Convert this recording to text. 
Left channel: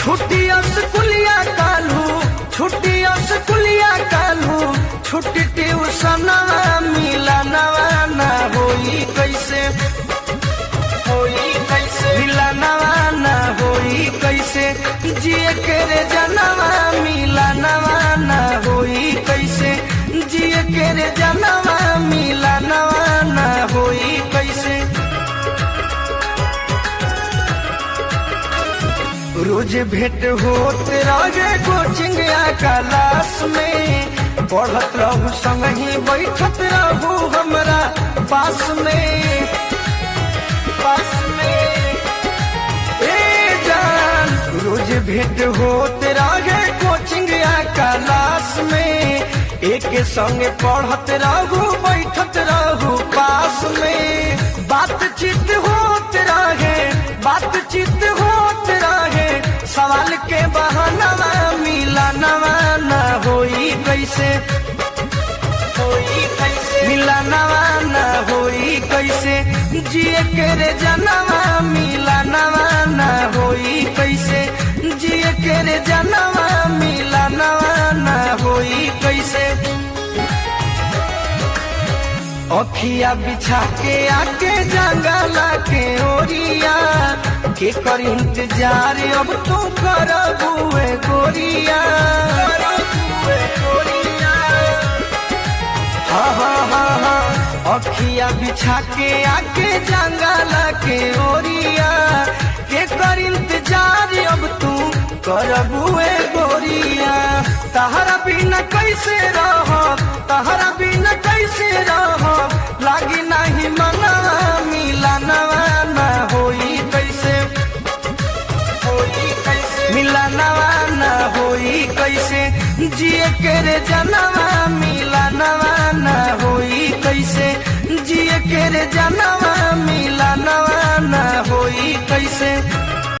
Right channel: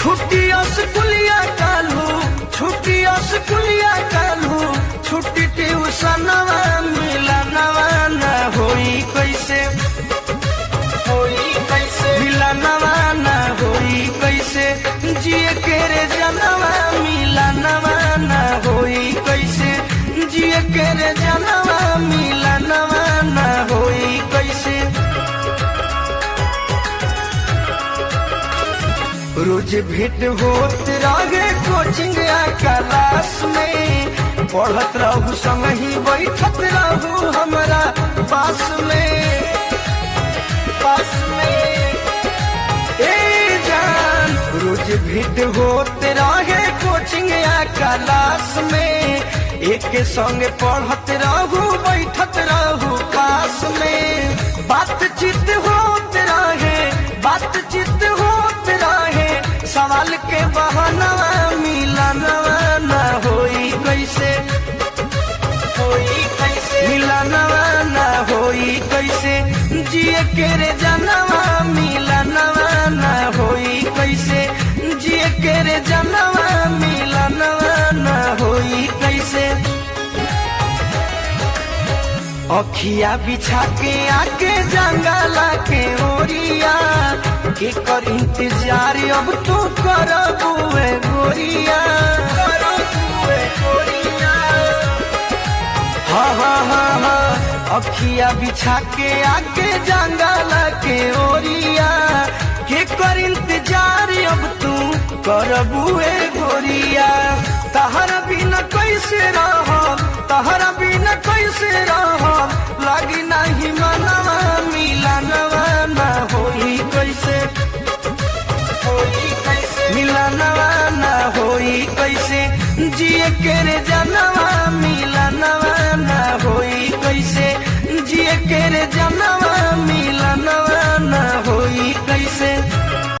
छुट्टिया स्कूलिया कालू, छुट्टिया स्कूलिया कालू, छुट्टी ट्यूशन मिलना न होई कैसे, होई कैसे मिलना न होई कैसे, जिए के रे जनवा मिलना न होई कैसे, जिए के रे जनवा मिलना न होई कैसे। रोज भेंट होते आगे कोचिंग क्लास में, पढ़त रहू संग ही बैठत रहू हमरा पास में, पास में ए जान। रोज भेंट होते रहे कोचिंग क्लास में, एक संग पढ़त रहू बैठत रहू पास में, बातचीत होते रहे, बातचीत होते रहे, सवाल के बहाना मिलना न होई कैसे, होई कैसे मिलना न होई कैसे, जिए के रे जनवा मिलना न होई कैसे, जिए के रे जनवा मिलना न होई कैसे। अखिया बिछा के आके जंगला के ओरिया, के कर इंतजार अब तो करबुए गोरिया, करबुए गोरिया। हाँ हाँ हाँ हाँ, अखिया बिछा के आके जंगला के ओरिया, के कर इंतजार अब तू करबुए गोरिया। तहरा बिना कैसे रहो, तहरा बिना कैसे रहो, लागी नहीं मना मिलना न होई कैसे, होई कैसे मिलना न होई कैसे, जिए के रे जनवा मिलना